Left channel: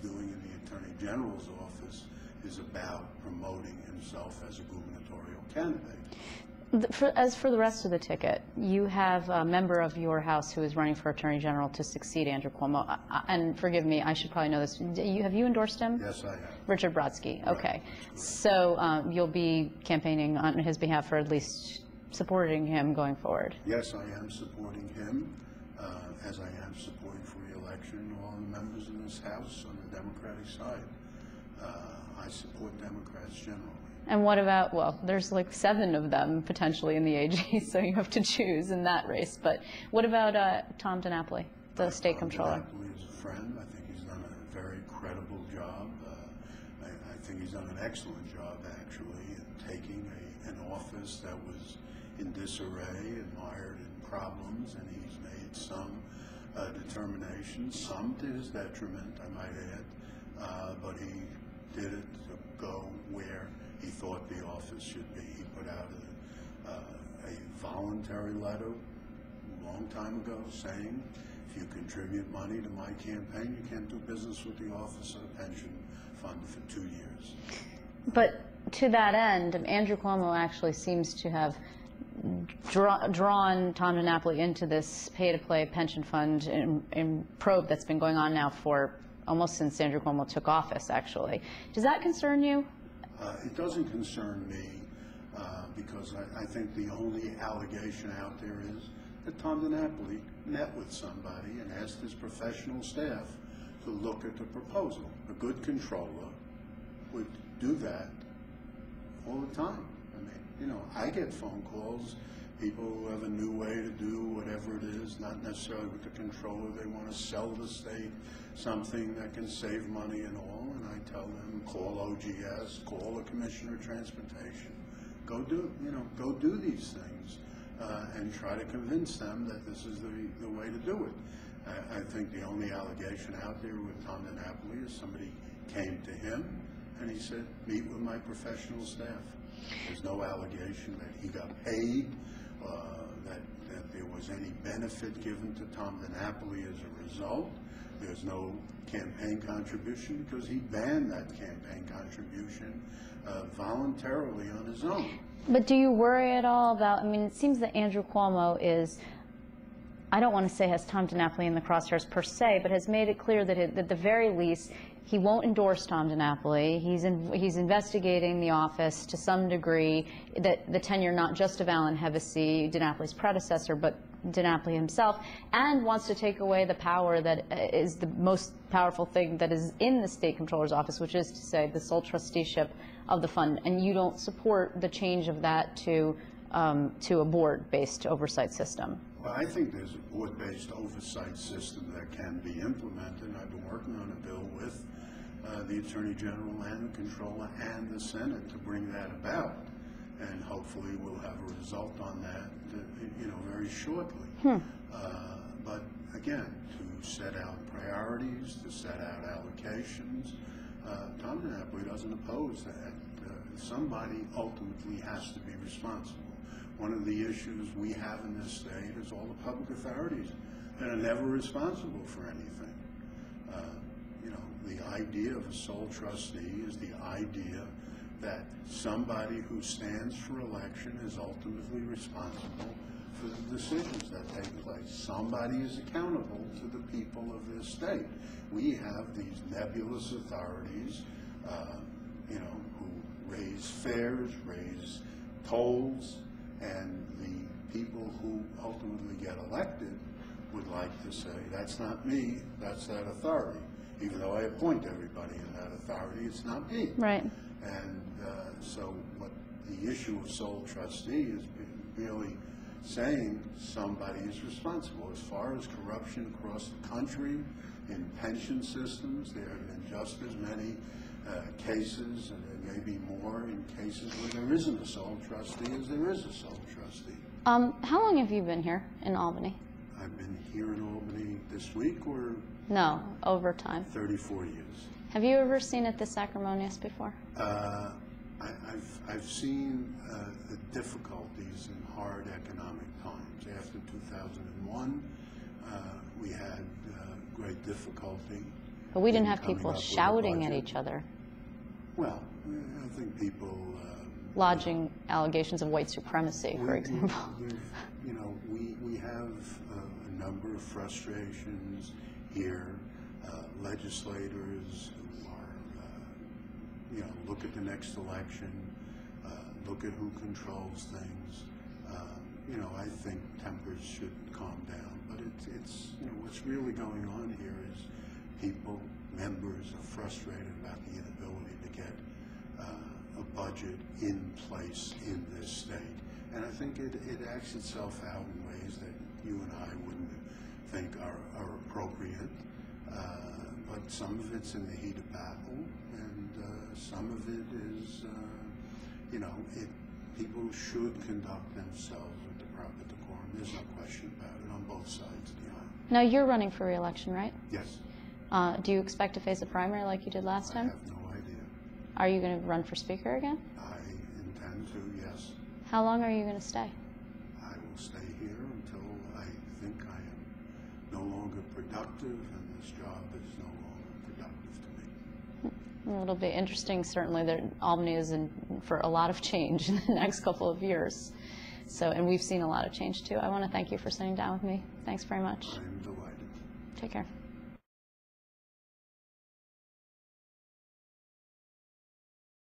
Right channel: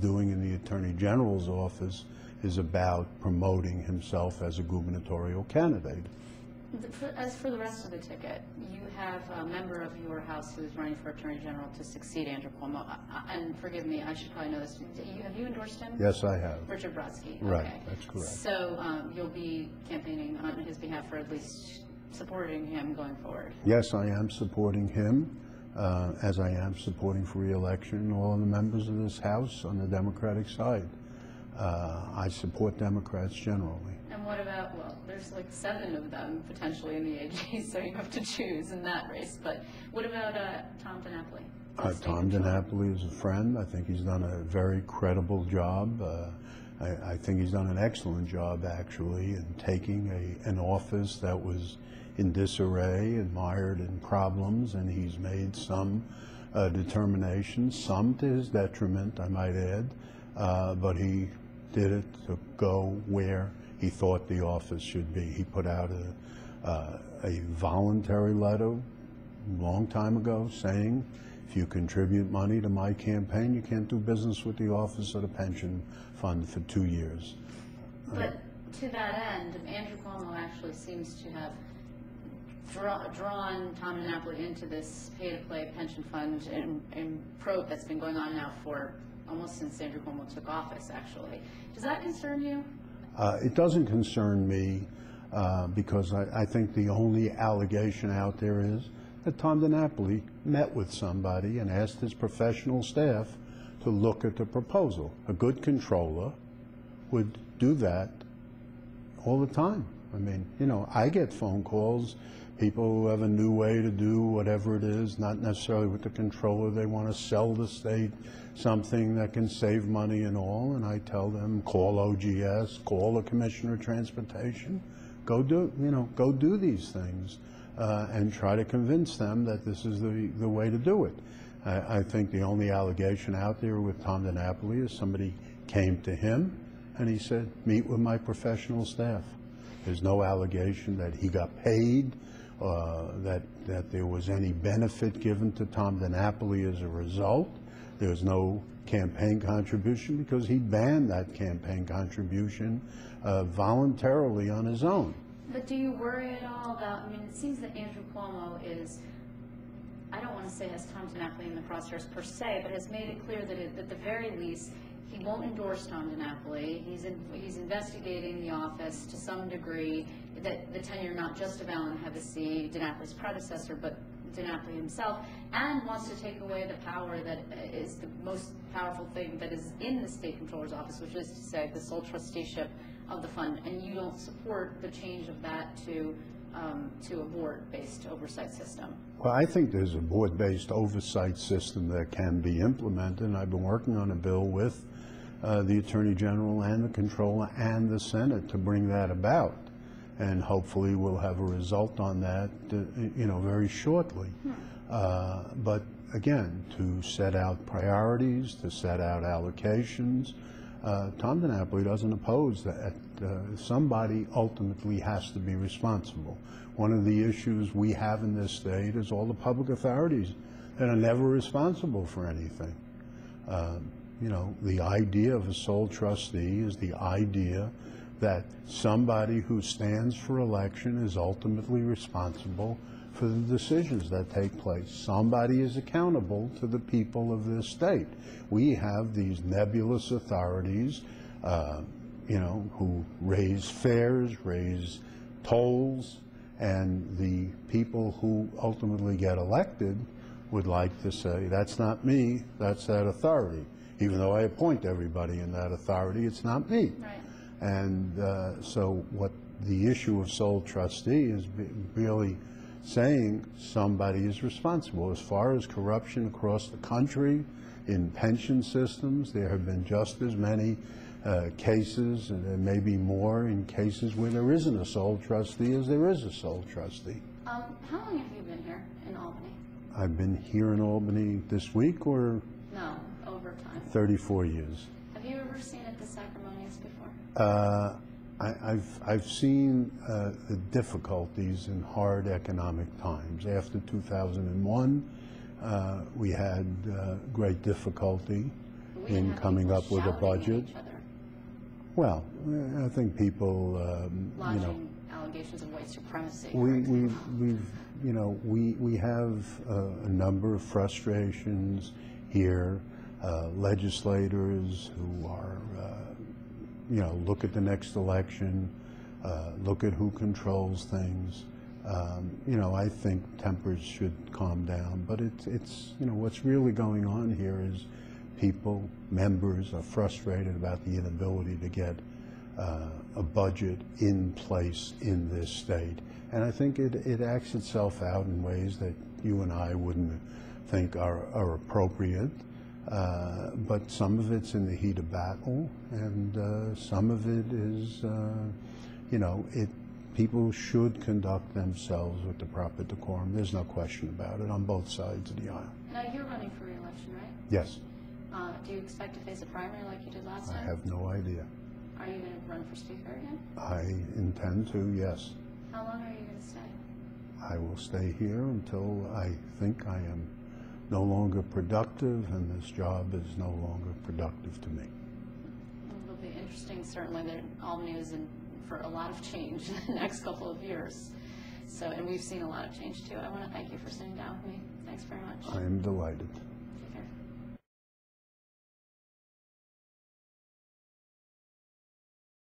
doing in the Attorney General's office is about promoting himself as a gubernatorial candidate. As for the rest of the ticket, you have a member of your House who is running for Attorney General to succeed Andrew Cuomo. And forgive me, I should probably know this. Have you endorsed him? Yes, I have. Richard Brodsky. Right, okay. that's correct. So you'll be campaigning on his behalf, or at least supporting him going forward? Yes, I am supporting him, as I am supporting for re-election all the members of this House on the Democratic side. I support Democrats generally. And what about, well, there's like 7 of them potentially in the AG, so you have to choose in that race. But what about Tom DiNapoli, the state controller? Tom DiNapoli is a friend. I think he's done a very credible job. I think he's done an excellent job, actually, in taking an office that was in disarray and mired in problems, and he's made some determinations, some to his detriment, I might add, but he did it to go where he thought the office should be. He put out a voluntary letter a long time ago saying, if you contribute money to my campaign, you can't do business with the Office of the Pension Fund for 2 years. But to that end, Andrew Cuomo actually seems to have drawn Tom DiNapoli into this pay-to-play pension fund in probe that's been going on now for almost since Andrew Cuomo took office, actually. Does that concern you? It doesn't concern me because I think the only allegation out there is that Tom DiNapoli met with somebody and asked his professional staff to look at the proposal. A good controller would do that all the time. I mean, you know, I get phone calls, people who have a new way to do whatever it is, not necessarily with the controller. They want to sell the state something that can save money and all, and I tell them, call OGS, call the Commissioner of Transportation, go do these things, and try to convince them that this is the way to do it. I think the only allegation out there with Tom DiNapoli is somebody came to him and he said, meet with my professional staff. There's no allegation that he got paid, that there was any benefit given to Tom DiNapoli as a result. There's no campaign contribution because he banned that campaign contribution voluntarily on his own. But do you worry at all about, I mean, it seems that Andrew Cuomo is, I don't want to say has Tom DiNapoli in the crosshairs per se, but has made it clear that at the very least, he won't endorse Tom DiNapoli. He's investigating the office to some degree, that the tenure not just of Alan Hevesi, DiNapoli's predecessor, but DiNapoli himself, and wants to take away the power that is the most powerful thing that is in the state controller's office, which is to say the sole trusteeship of the fund. And you don't support the change of that to a board-based oversight system. Well, I think there's a board-based oversight system that can be implemented, and I've been working on a bill with the Attorney General and the Controller and the Senate to bring that about. And hopefully we'll have a result on that, very shortly. But again, to set out priorities, to set out allocations, Tom DiNapoli doesn't oppose that. Somebody ultimately has to be responsible. One of the issues we have in this state is all the public authorities that are never responsible for anything. The idea of a sole trustee is the idea that somebody who stands for election is ultimately responsible for the decisions that take place. Somebody is accountable to the people of this state. We have these nebulous authorities, who raise fares, raise tolls, and the people who ultimately get elected would like to say, that's not me, that's that authority. Even though I appoint everybody in that authority, it's not me. Right. And so what the issue of sole trustee is really saying somebody is responsible. As far as corruption across the country, in pension systems, there have been just as many cases, and there may be more in cases where there isn't a sole trustee as there is a sole trustee. How long have you been here in Albany? I've been here in Albany this week, or? No, over time. 34 years. Have you ever seen it this acrimonious before? I've seen the difficulties in hard economic times. After 2001, we had great difficulty But we didn't in have coming people up with a shouting at budget. each other, Well, I think people, lodging allegations of white supremacy, for we, example. we have a number of frustrations here, legislators who are, look at the next election, look at who controls things. I think tempers should calm down, but it's what's really going on here is people, members, are frustrated about the inability to get a budget in place in this state. And I think it acts itself out in ways that you and I wouldn't think are appropriate. But some of it's in the heat of battle, and some of it is, people should conduct themselves with the proper decorum. There's no question about it on both sides of the aisle. Now, you're running for re-election, right? Yes. Do you expect to face a primary like you did last time? I have no idea. Are you going to run for Speaker again? I intend to, yes. How long are you going to stay? I will stay here until I think I am no longer productive and this job is no longer productive to me. Well, it'll be interesting, certainly, that Albany is in for a lot of change in the next couple of years. So, and we've seen a lot of change, too. I want to thank you for sitting down with me. Thanks very much. I am delighted. Take care.